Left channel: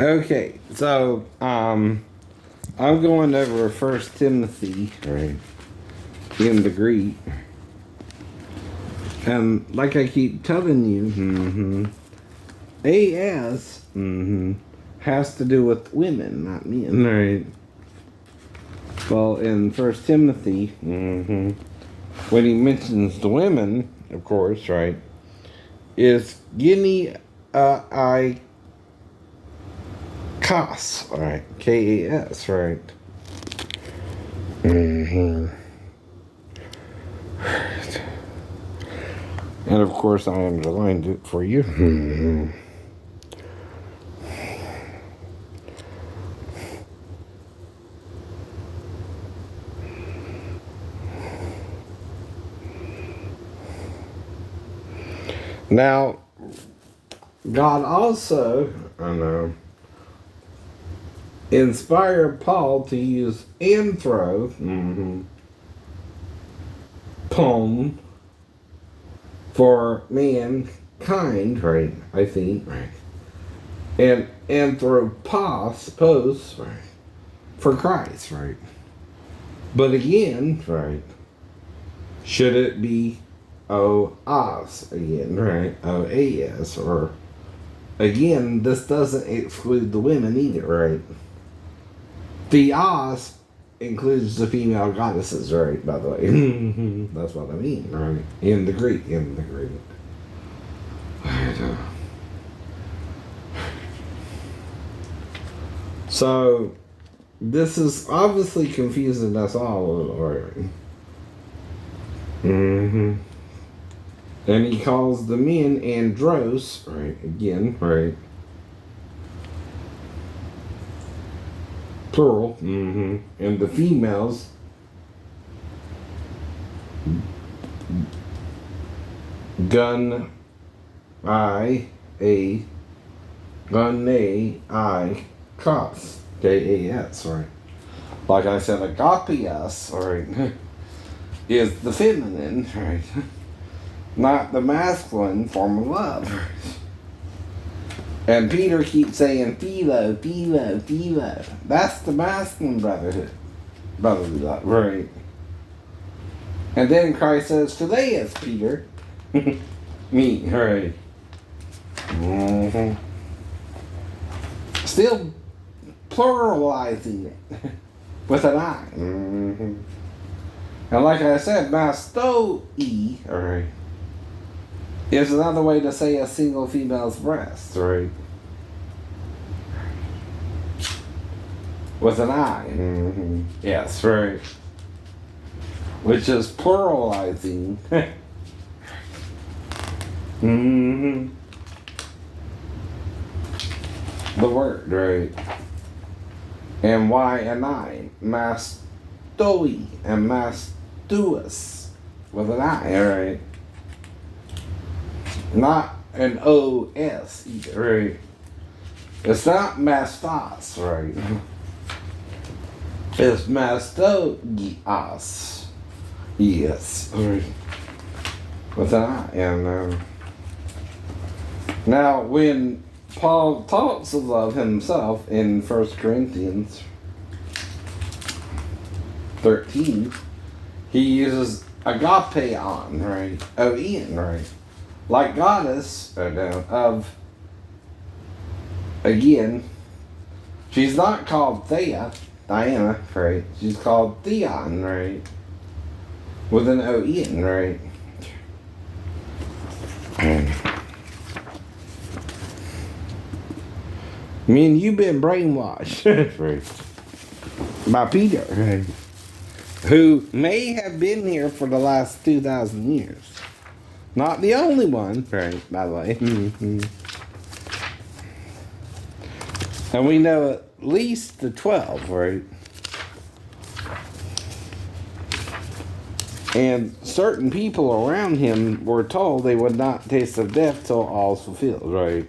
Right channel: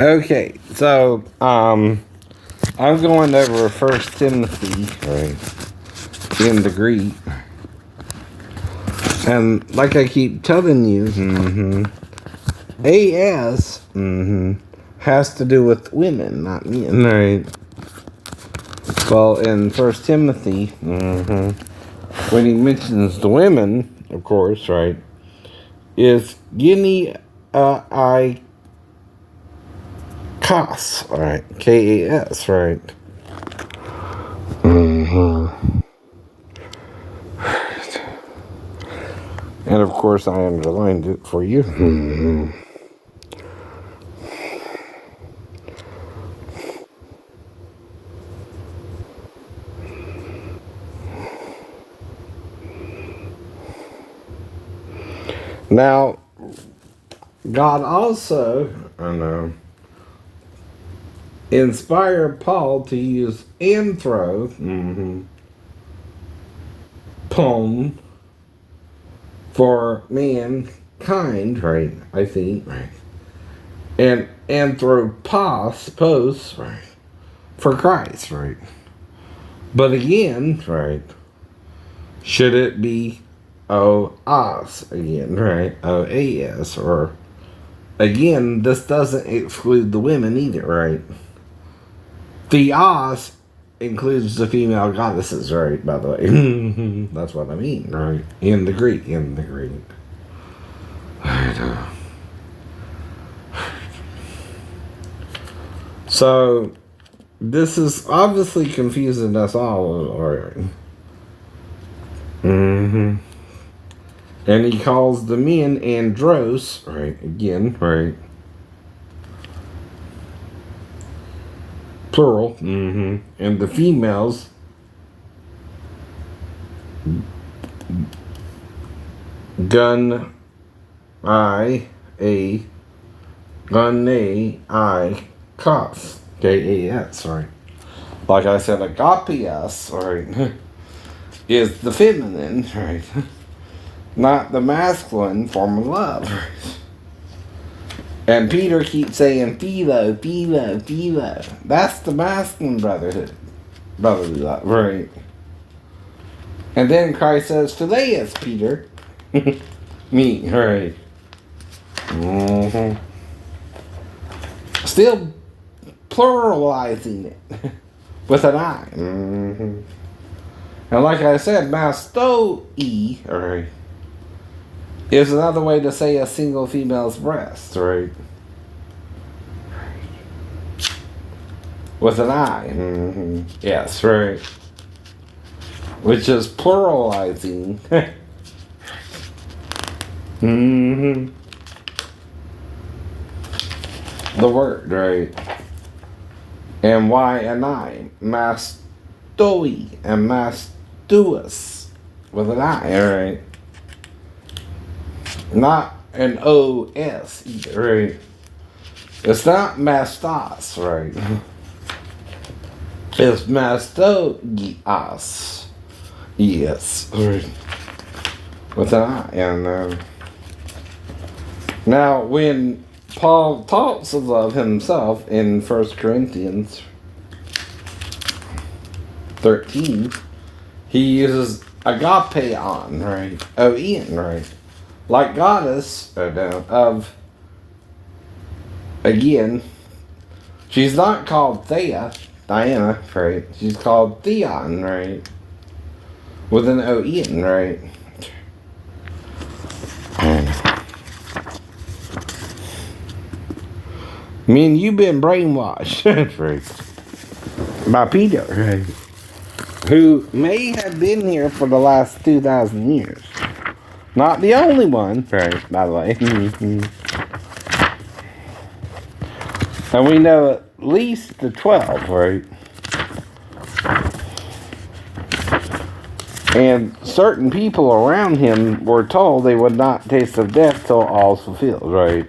Okay, so I'm going over First Timothy, right, in the Greek, and like I keep telling you, AS has to do with women, not men, right? Well, in First Timothy, when he mentions the women, of course, right, is Gunaikas, right? Kas, right? And of course, I underlined it for you. Now, God also, inspired Paul to use Anthron, poem for mankind, right? I think, right? And anthropos, right? For Christ, right? But again, right? Should it be O-as again, right? O-A-S, or again, this doesn't exclude the women either, right? Theos includes the female goddesses, right? By the way, that's what I mean, right? In the Greek. Right. So this is obviously confusing us all already. And he calls the men andros, right? Again, right? Plural. And the females Gunaikas, Gas, right? Like I said, agapias, right, is the feminine, right? Not the masculine form of love. And Peter keeps saying, philo. That's the masculine brotherly love, right? And then Christ says, Phileas, Peter. Me, right? Still pluralizing it with an I. And like I said, mastoi, right, is another way to say a single female's breast, right? With an I. Yes, right. Which is pluralizing. The word, right? And why an I? Mastoi and mastuous with an I, right? Not an O-S either, right? It's not mastos, right? It's mastogias. Yes, right? With an I. And now, when Paul talks of himself in 1 Corinthians 13, he uses agapeon, right? O-N, right? Like goddess of, again, she's not called Thea, Diana, right? She's called Theon, right? With an O-N, right? I mean, you've been brainwashed, right? By Peter, right? Who may have been here for the last 2,000 years. Not the only one, right, by the way. And we know at least the 12, right? And certain people around him were told they would not taste of death till all's fulfilled, right?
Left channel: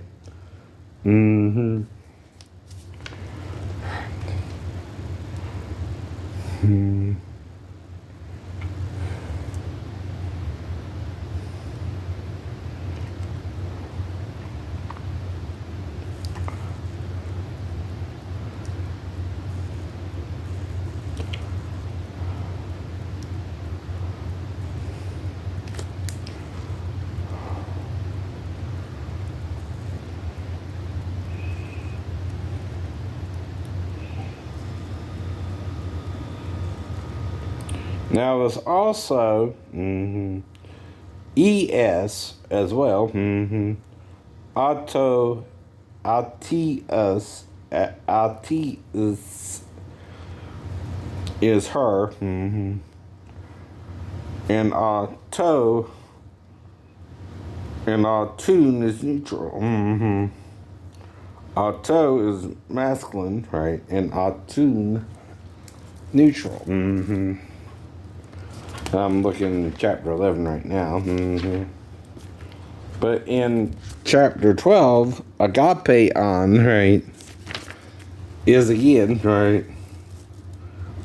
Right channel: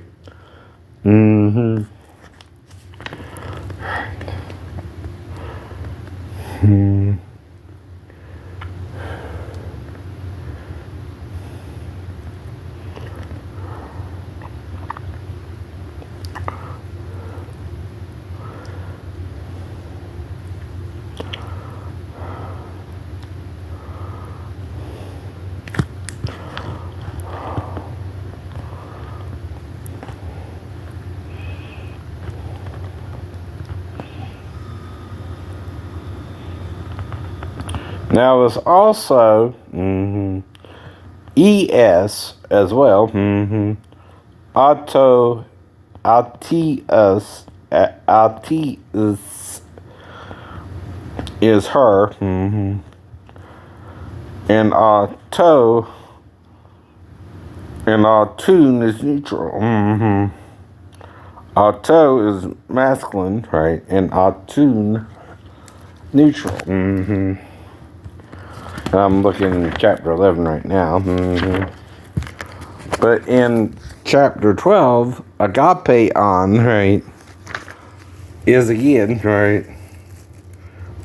Now it's also es as well. Ateus is her. And autun is neutral. Auto is masculine, right? And autun neutral. I'm looking at chapter 11 right now. But in chapter 12, agapeon, right, is again, right,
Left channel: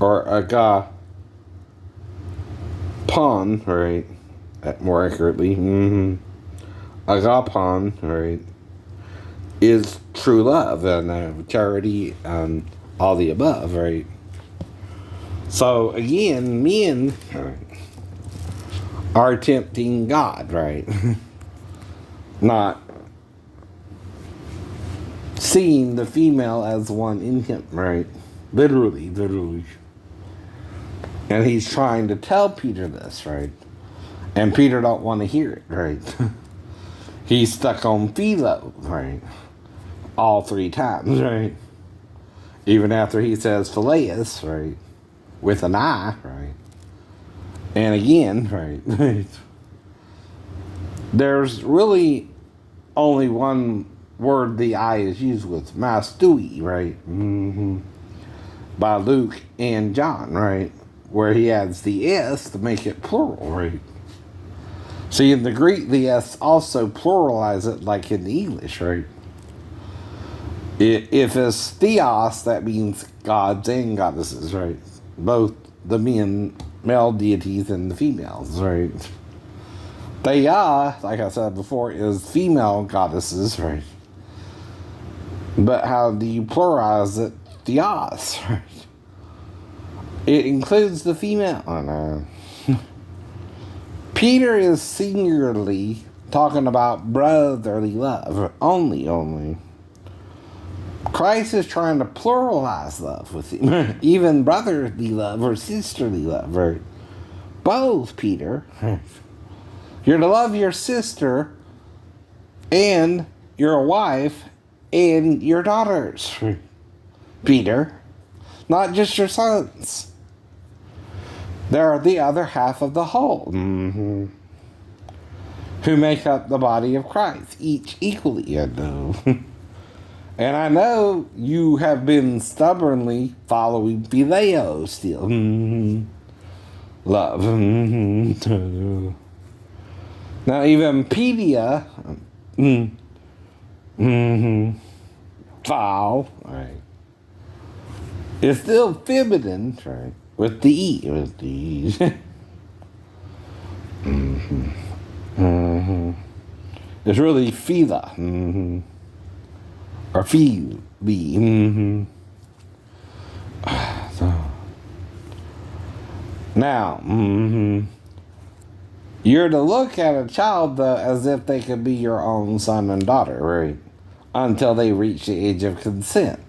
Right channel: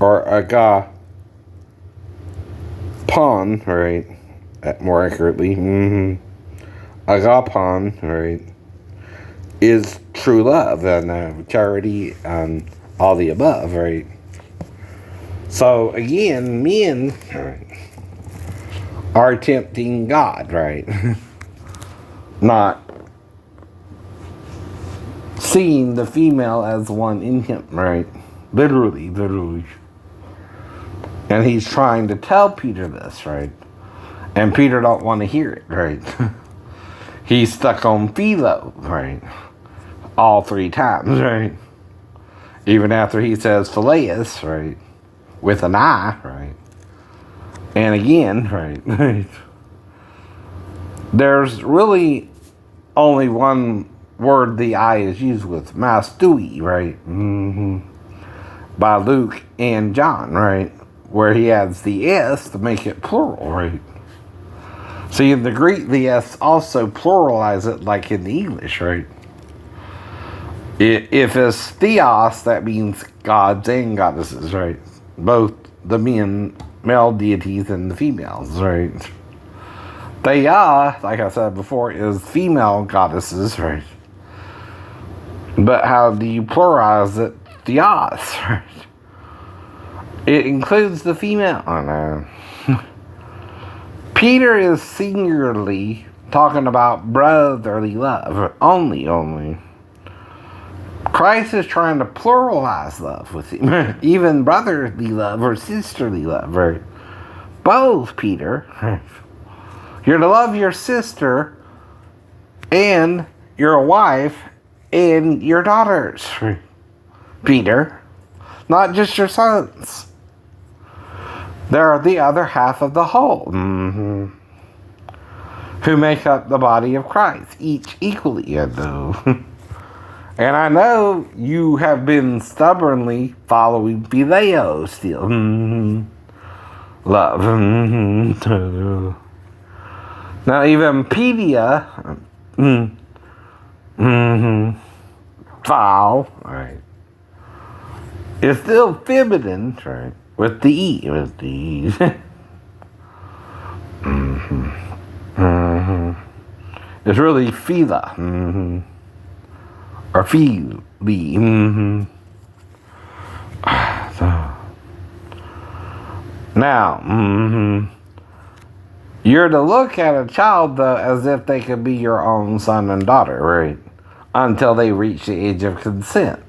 or agapon, right, more accurately, agapon, right, is true love and charity and all the above, right? So again, men, right, are tempting God, right? Not seeing the female as one in him, right? Literally. And he's trying to tell Peter this, right? And Peter don't want to hear it, right? He's stuck on philo, right? All 3 times, right? Even after he says phileus, right? With an I, right? And again, right? There's really only one word the I is used with, mastui, right? By Luke and John, right? Where he adds the S to make it plural, right? See, in the Greek, the S also pluralize it like in the English, right? If it's Theos, that means gods and goddesses, right? Both the male deities and the females, right? Theia, like I said before, is female goddesses, right? But how do you pluralize it? Theos, right? It includes the female. Oh, no. Peter is singularly talking about brotherly love. Only. Christ is trying to pluralize love with him. Even brotherly love or sisterly love, right? Both, Peter. You're to love your sister and your wife and your daughters, Peter. Not just your sons. They're the other half of the whole. Who make up the body of Christ. Each equally, I know. And I know you have been stubbornly following phileo still. Love. Now even pedia, foul, right, is still feminine, right, with the E, with the E. It's really phila, or phili. Now, you're to look at a child, though, as if they could be your own son and daughter, right? Until they reach the age of consent.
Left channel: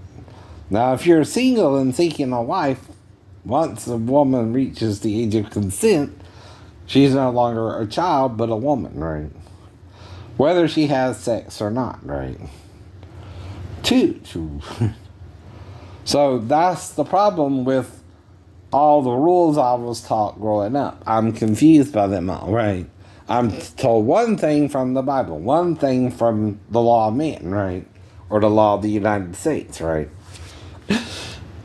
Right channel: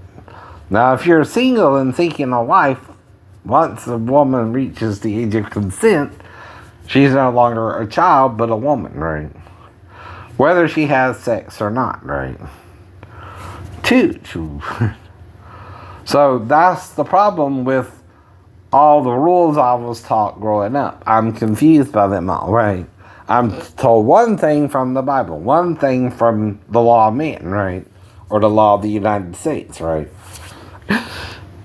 Now, if you're single and seeking a wife, once a woman reaches the age of consent, she's no longer a child, but a woman, right? Whether she has sex or not, right? Two. So that's the problem with all the rules I was taught growing up. I'm confused by them all, right? I'm told one thing from the Bible, one thing from the law of man, right? Or the law of the United States, right?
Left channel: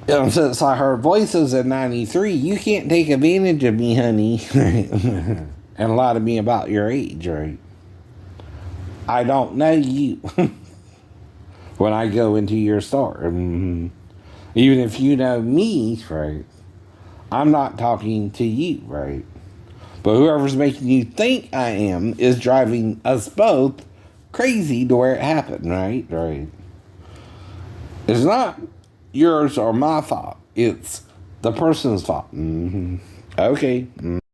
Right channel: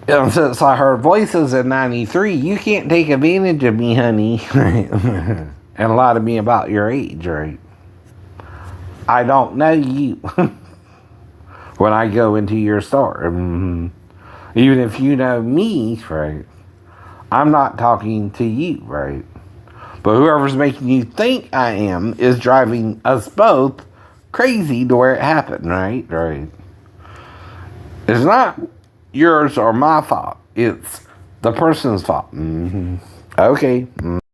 And since I heard voices in 93, you can't take advantage of me, honey, right? And lie to me about your age, right? I don't know you when I go into your store. Even if you know me, right? I'm not talking to you, right? But whoever's making you think I am is driving us both crazy to where it happened, right? Right. It's not yours or my fault. It's the person's fault. Okay.